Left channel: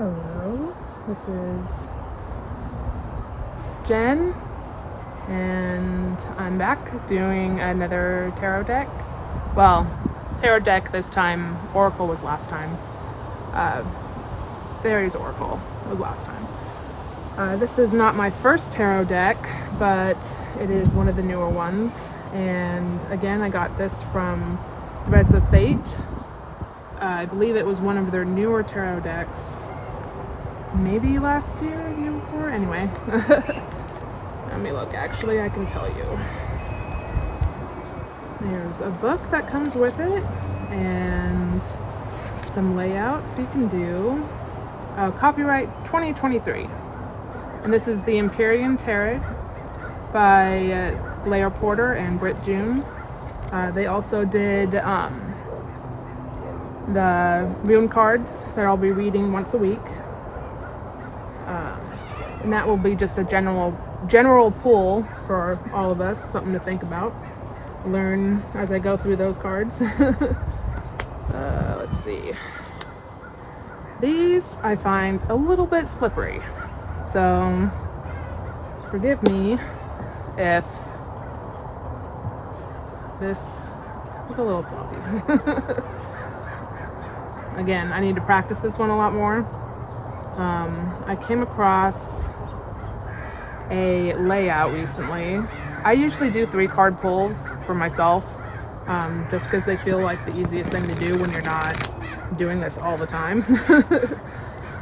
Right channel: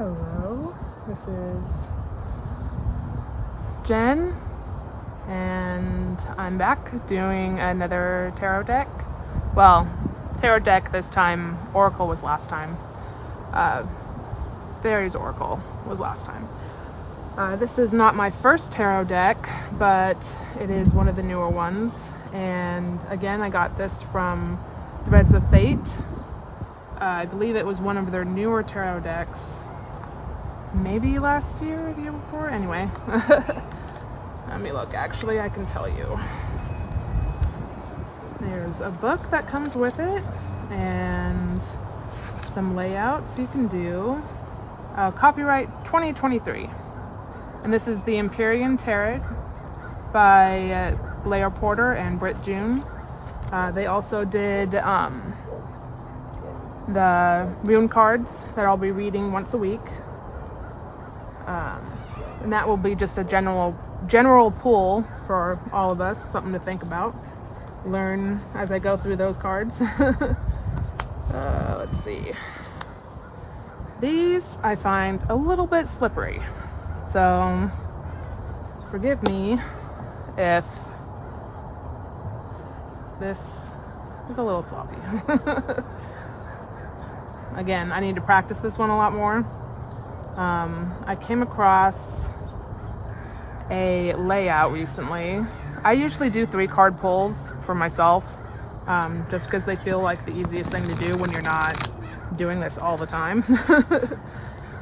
Hello, this is Jen, and I'm back doing another tarot deck. Well, tarot deck this time. Oracle was last time. Fairies Oracle was last time. This is not my first tarot deck, but it is one of the newer ones. And again, I got this from Threads of Fate. I believe it was one of their newer tarot decks. Maybe last year, the year before. Anyway, let me look. Actually, I can tell you. There's a book that comes with it, and some layouts you can do. Copyright 2023, and this is the Empyrean Tarot by Blair Porter and Britt June. They also did the rune cards that I'll be reading once a week. And that will be just a general pull for all of us, something to think about, learn as I go through those cards. Let's see. These I find a little bit slippery, so forgive me if this is a little sloppy. Again, I need to practice this one a lot more. I came across a layout recently. I usually do 3-card pulls for myself, just because they feel like the easiest thing to do when you're not doing this all the time.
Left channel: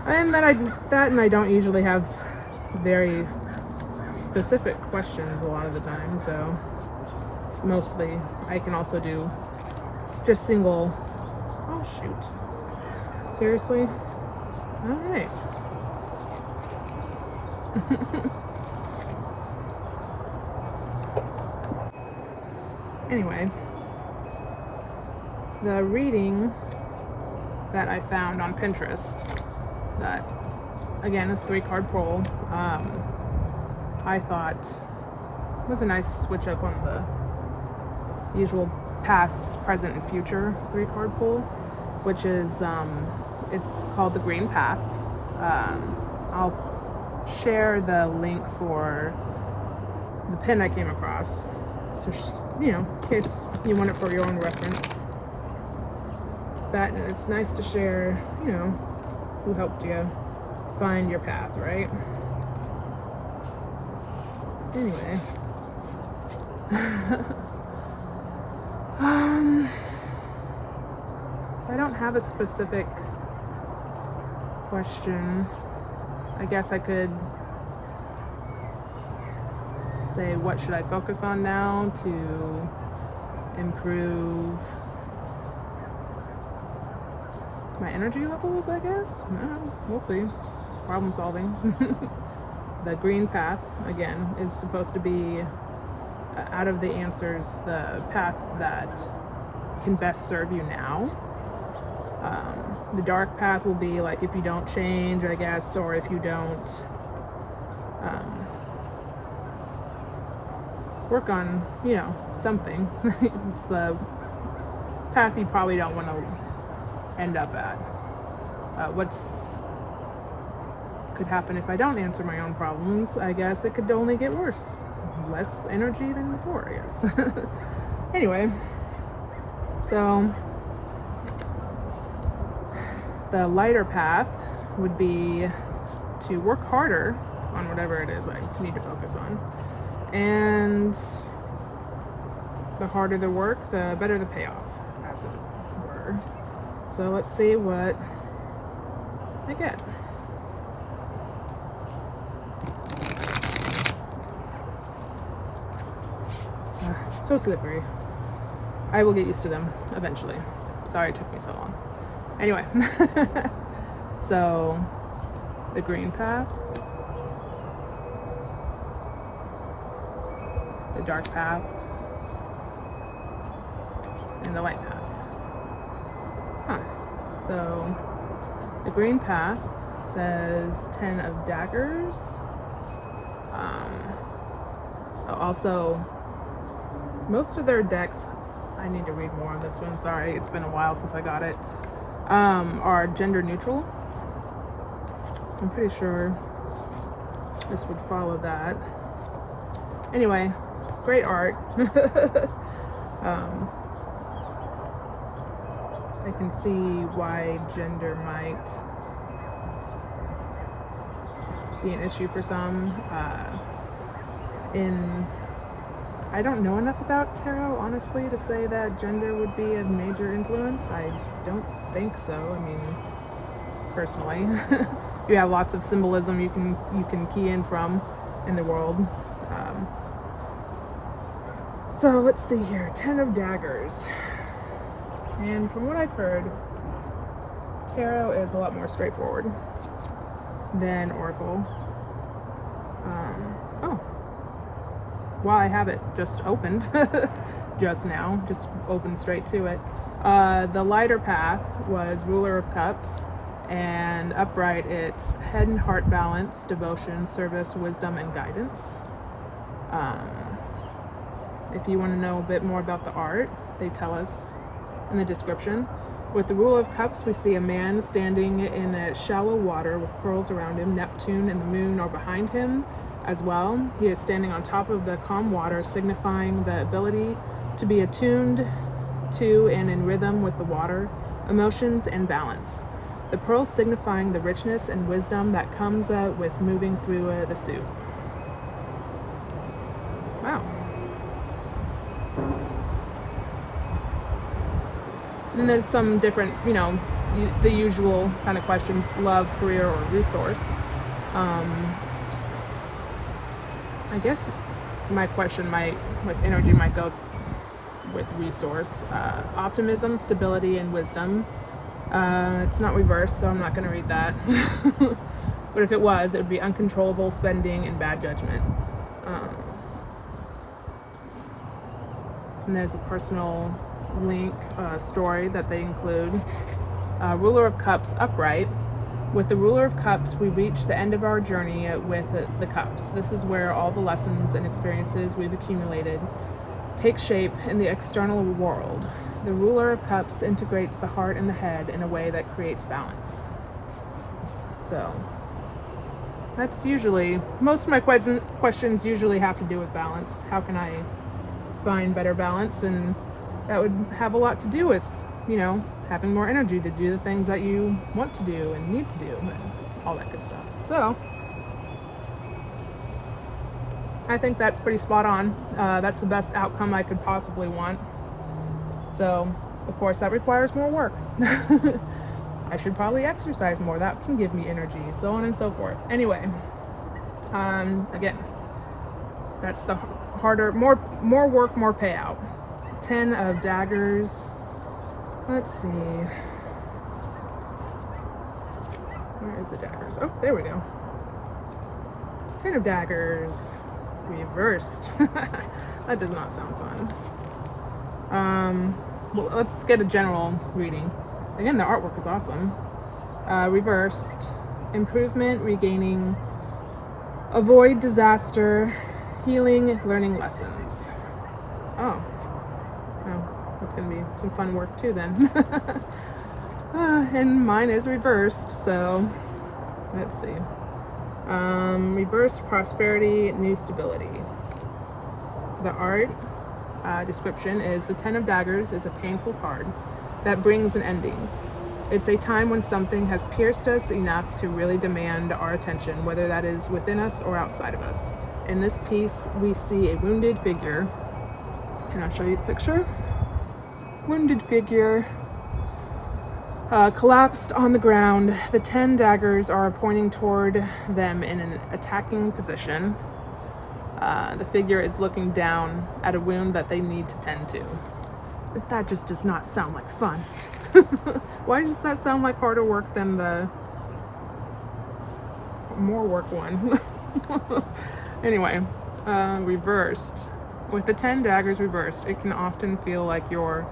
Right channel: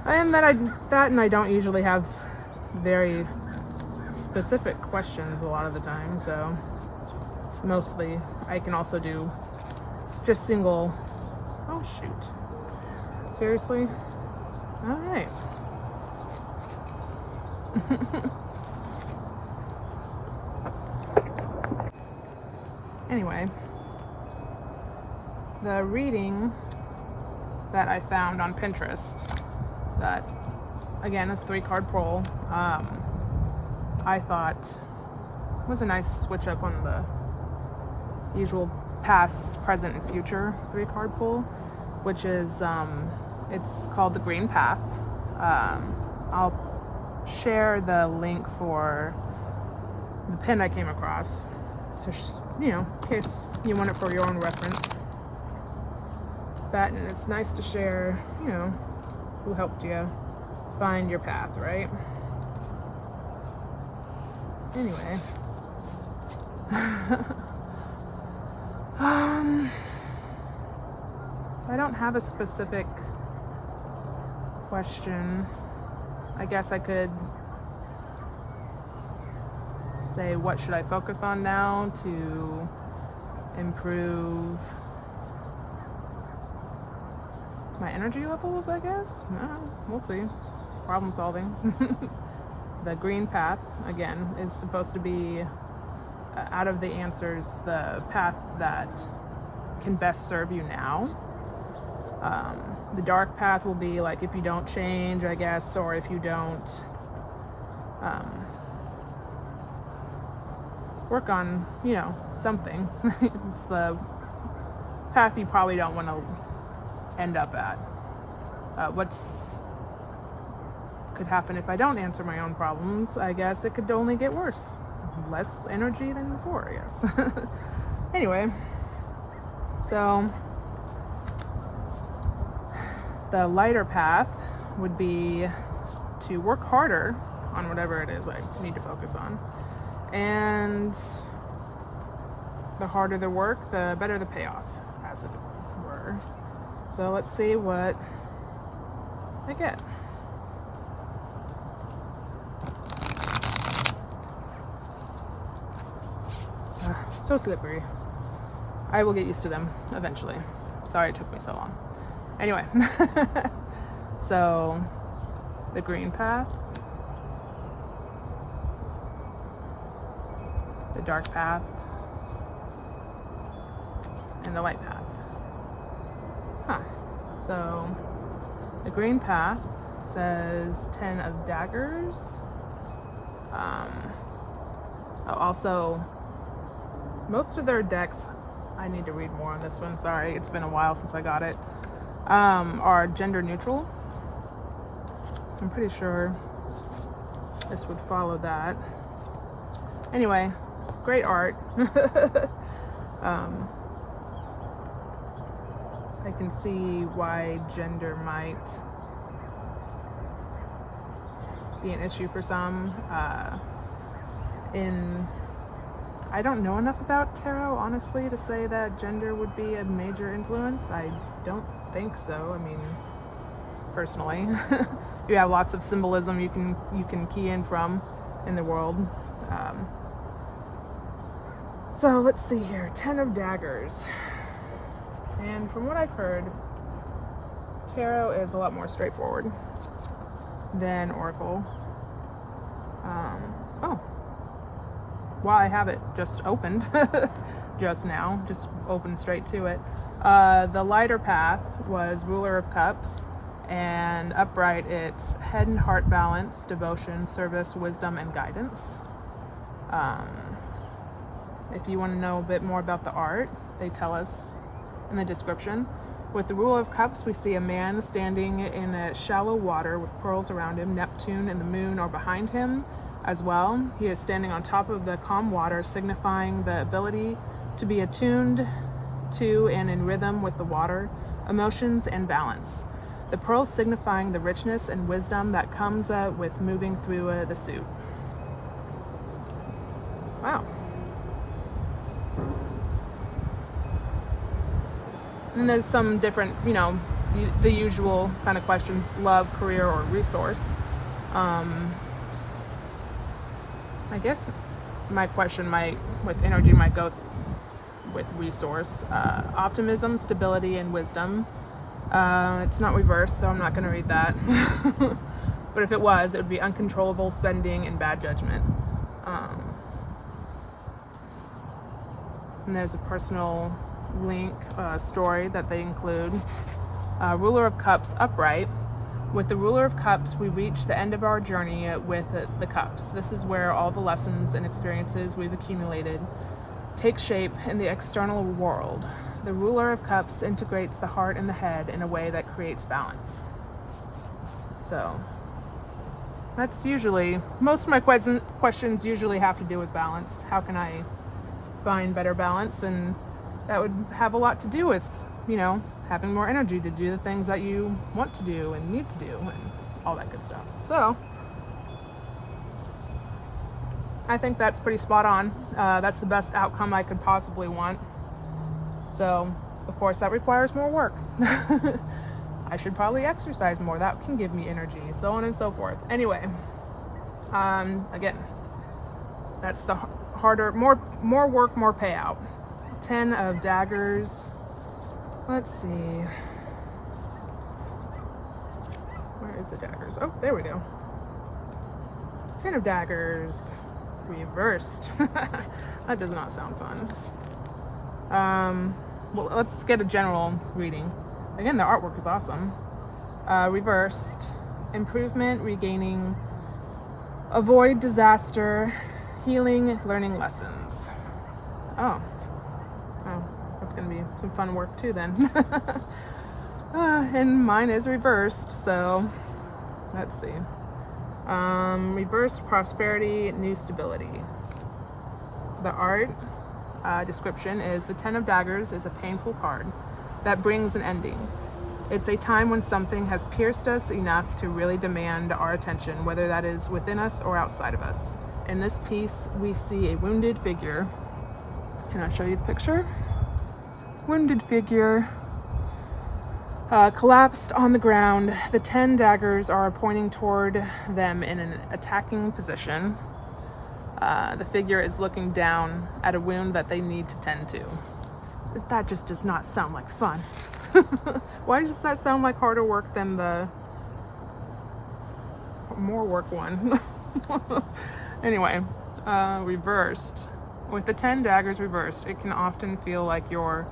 And then I don't usually have very specific questions a lot of the time, so it's mostly, I can also do just single. Oh shoot, seriously? All right. Anyway, the reading that I found on Pinterest, that again is 3-card pull, I thought was a nice switch up on the usual past, present, and future 3-card pull, which is it's called the Green Path. I'll share the link for the pin I came across, so in case you want it for your own reference. And it's nice to share, who helped you find your path, right? Anyway. I don't have a specific question. I guess I could say, what should I focus on now to improve my energy levels, I guess? No, we'll see. Problem solving. The Green Path, again, is supposed to be, out of the answers, the path that can best serve you now. The dark path will be like if you don't change, I guess, or if you don't work on, something. It's the path you probably don't want to end up at. What's could happen if I don't answer my own problems? I guess it could only get worse. Less energy than before, I guess. Anyway, so the lighter path would be to work harder on whatever it is I need to focus on. And the harder the work, the better the payoff, as it were. So let's see what I get. So slippery. I will get used to them eventually. Sorry it took me so long. Anyway, so the Green Path, the Dark Path, and the Light Path. So the Green Path says 10 of Daggers. Also, most of their decks, I need to read more on this one, sorry, it's been a while since I got it, are gender neutral. I'm pretty sure this would follow that. Anyway, great art. I can see why gender might be an issue for some. I don't know enough about tarot, honestly, to say that gender would be a major influence. I don't think so. I mean, personally, you have lots of symbolism you can key in from in the world. So let's see here, 10 of Daggers. And from what I've heard, tarot is a lot more straightforward than Oracle. Oh, well, I have it just opened just now, just opened straight to it. The lighter path was Ruler of Cups, and upright it's head and heart balance, devotion, service, wisdom, and guidance. If you want to know a bit more about the art, they tell us in the description. With the Ruler of Cups, we see a man standing in a shallow water with pearls around him. Neptune and the moon are behind him as well. He is standing on top of the calm water, signifying the ability to be attuned to and in rhythm with the water, emotions, and balance. The pearls signifying the richness and wisdom that comes with moving through the suit. Wow. And there's some different, the usual kind of questions: love, career, or resource. I guess my question with energy might go with resource. Optimism, stability, and wisdom. It's not reversed, so I'm not going to read that. But if it was, it would be uncontrollable spending and bad judgment. And there's a personal link story that they include. Ruler of Cups upright. With the Ruler of Cups, we reach the end of our journey with the cups. This is where all the lessons and experiences we've accumulated take shape in the external world. The Ruler of Cups integrates the heart and the head in a way that creates balance. So that's usually, most of my questions usually have to do with balance. How can I find better balance? And that would have a lot to do with, having more energy to do the things that you want to do and need to do, and all that good stuff. So I think that's pretty spot on. That's the best outcome I could possibly want. So, of course, that requires more work. I should probably exercise more. That can give me energy, so on and so forth. Anyway, again, that's the harder, more work, more payout. 10 of Daggers. Let's see. Where is the daggers? Oh, there we go. 10 of Daggers. Reversed. That does not sound fun. Well, let's get a general reading. Again, the artwork is awesome. Reversed. Improvement, regaining, avoid disaster, healing, learning lessons. Oh. That's going to be some fun work too then. And mine is reversed, so let's see. Reversed, prosperity, new stability. The art description is the 10 of Daggers is a painful card that brings an ending. It's a time when something has pierced us enough to really demand our attention, whether that is within us or outside of us. In this piece, we see a wounded figure. Can I show you the picture? Wounded figure collapsed on the ground. The 10 daggers are pointing toward them in an attacking position. The figure is looking down at a wound that they need to tend to. But that just does not sound like fun. Why does that sound like harder work than the more work one? Anyway, reversed. With the 10 daggers reversed, it can often feel like you're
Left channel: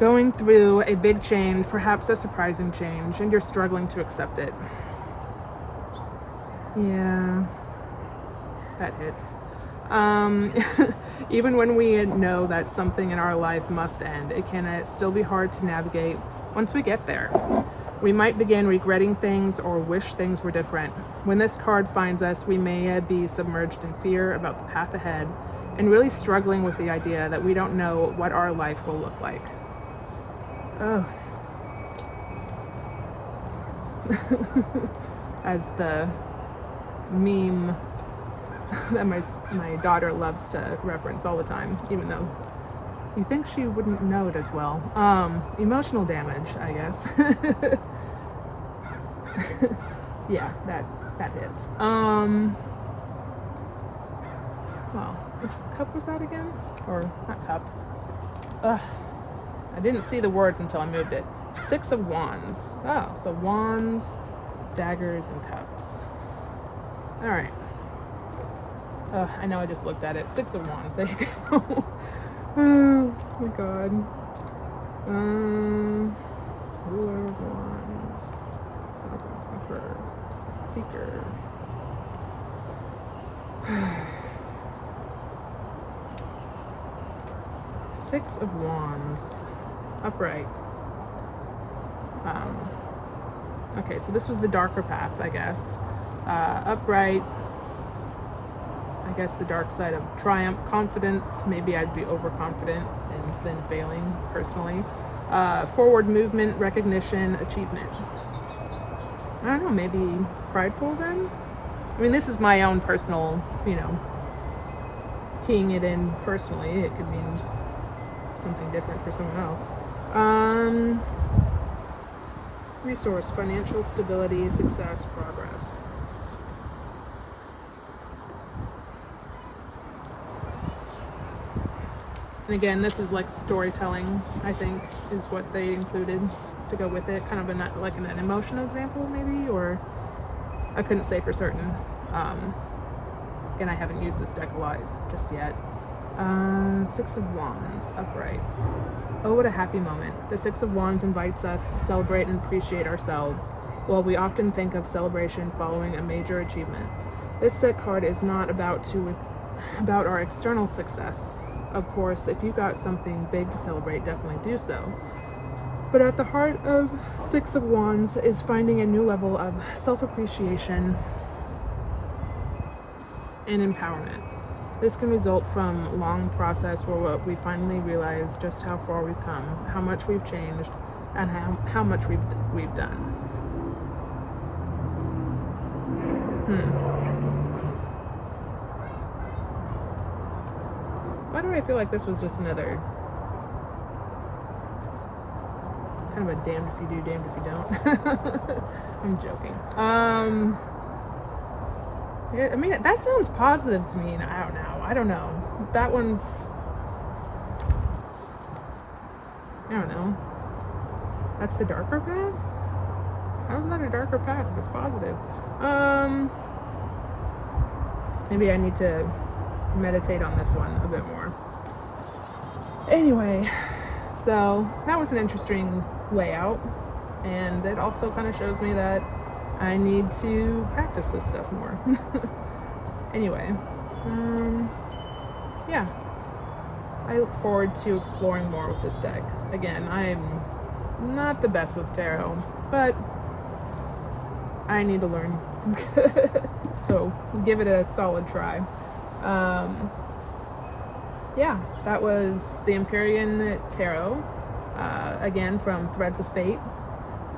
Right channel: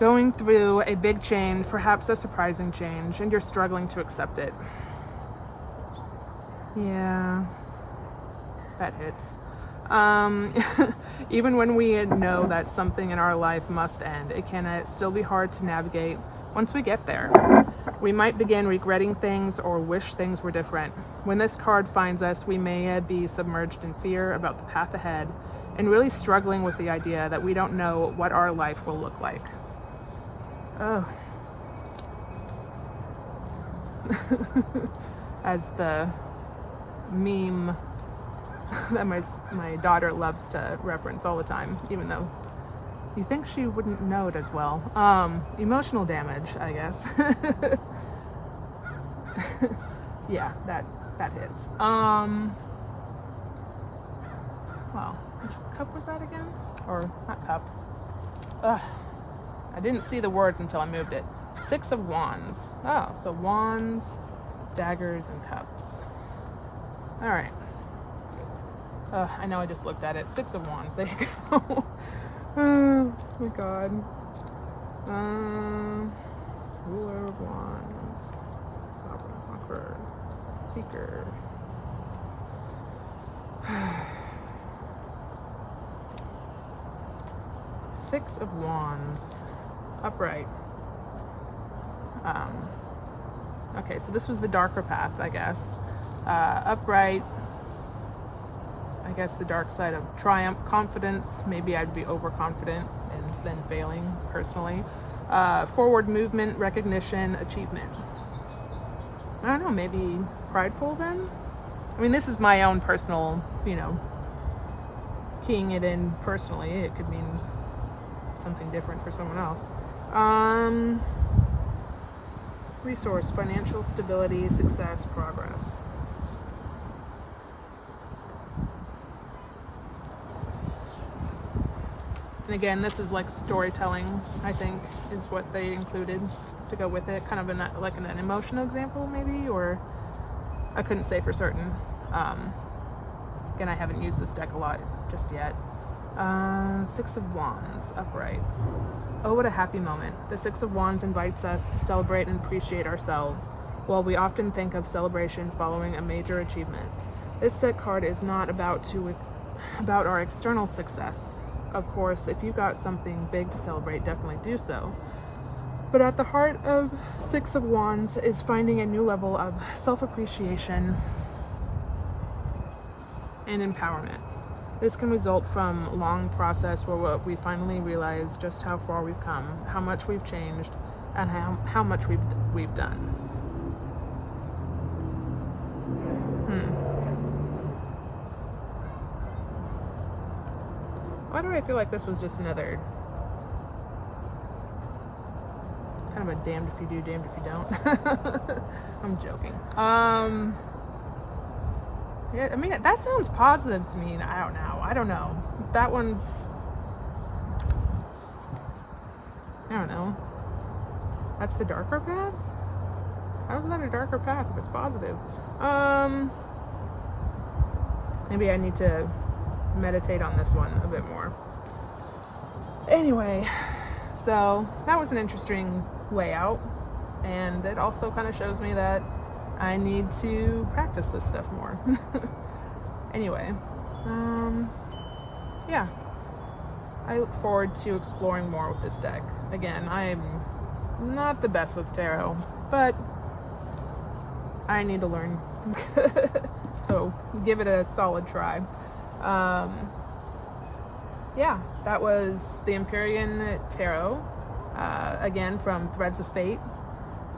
going through a big change, perhaps a surprising change, and you're struggling to accept it. Yeah, that hits. Even when we know that something in our life must end, it can still be hard to navigate once we get there. We might begin regretting things or wish things were different. When this card finds us, we may be submerged in fear about the path ahead and really struggling with the idea that we don't know what our life will look like. Oh. As the meme that my daughter loves to reference all the time, even though you think she wouldn't know it as well. Emotional damage, I guess. Yeah, that hits. Well, which cup was that again? Or not cup? I didn't see the words until I moved it. 6 of Wands. Oh, so wands, daggers, and cups. All right. Oh, I know I just looked at it. 6 of Wands. There you go. Oh my God. Ruler of Wands. Seeker. Six of Wands. Upright. Okay, so this was the darker path, I guess. Upright. I guess the dark side of triumph, confidence. Maybe I'd be overconfident and then failing personally. Forward movement, recognition, achievement. I don't know, maybe prideful then? I mean, this is my own personal, keying it in personally. It could mean something different for someone else. Resource, financial stability, success, progress. And again, this is like storytelling, I think, is what they included to go with it. Kind of like an emotional example, maybe, or I couldn't say for certain. Again, I haven't used this deck a lot just yet. 6 of Wands, upright. Oh, what a happy moment. The 6 of Wands invites us to celebrate and appreciate ourselves, while we often think of celebration following a major achievement. This set card is not about our external success. Of course, if you got something big to celebrate, definitely do so. But at the heart of 6 of Wands is finding a new level of self-appreciation and empowerment. This can result from a long process where we finally realize just how far we've come, how much we've changed, and how much we've done. Why do I feel like this was just another kind of a damned if you do, damned if you don't? I'm joking. Yeah, I mean, that sounds positive to me. I don't know. That one's, I don't know. That's the darker path? How is that a darker path if it's positive? Maybe I need to meditate on this one a bit more. Anyway, so that was an interesting layout, and it also kind of shows me that I need to practice this stuff more. Anyway, yeah, I look forward to exploring more with this deck. Again, I'm not the best with tarot, but I need to learn. So give it a solid try. Yeah, that was the Empyrean Tarot, again from Threads of Fate.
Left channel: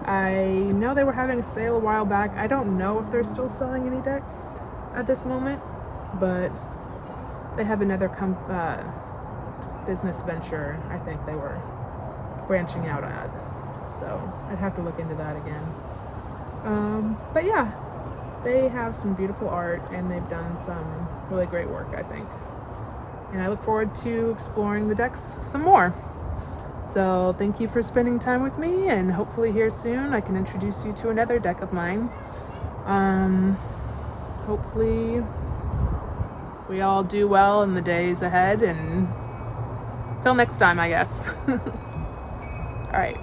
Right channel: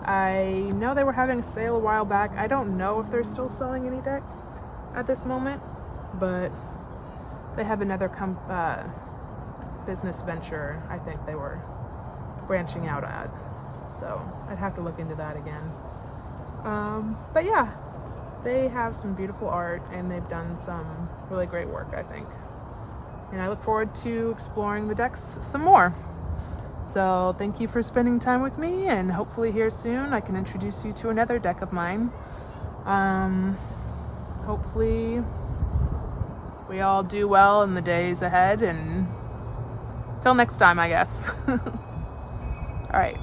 I know they were having a sale a while back. I don't know if they're still selling any decks at this moment, but they have another business venture I think they were branching out at, so I'd have to look into that again. But yeah, they have some beautiful art and they've done some really great work, I think, and I look forward to exploring the decks some more. So thank you for spending time with me, and hopefully here soon I can introduce you to another deck of mine. Hopefully we all do well in the days ahead, and till next time, I guess. All right.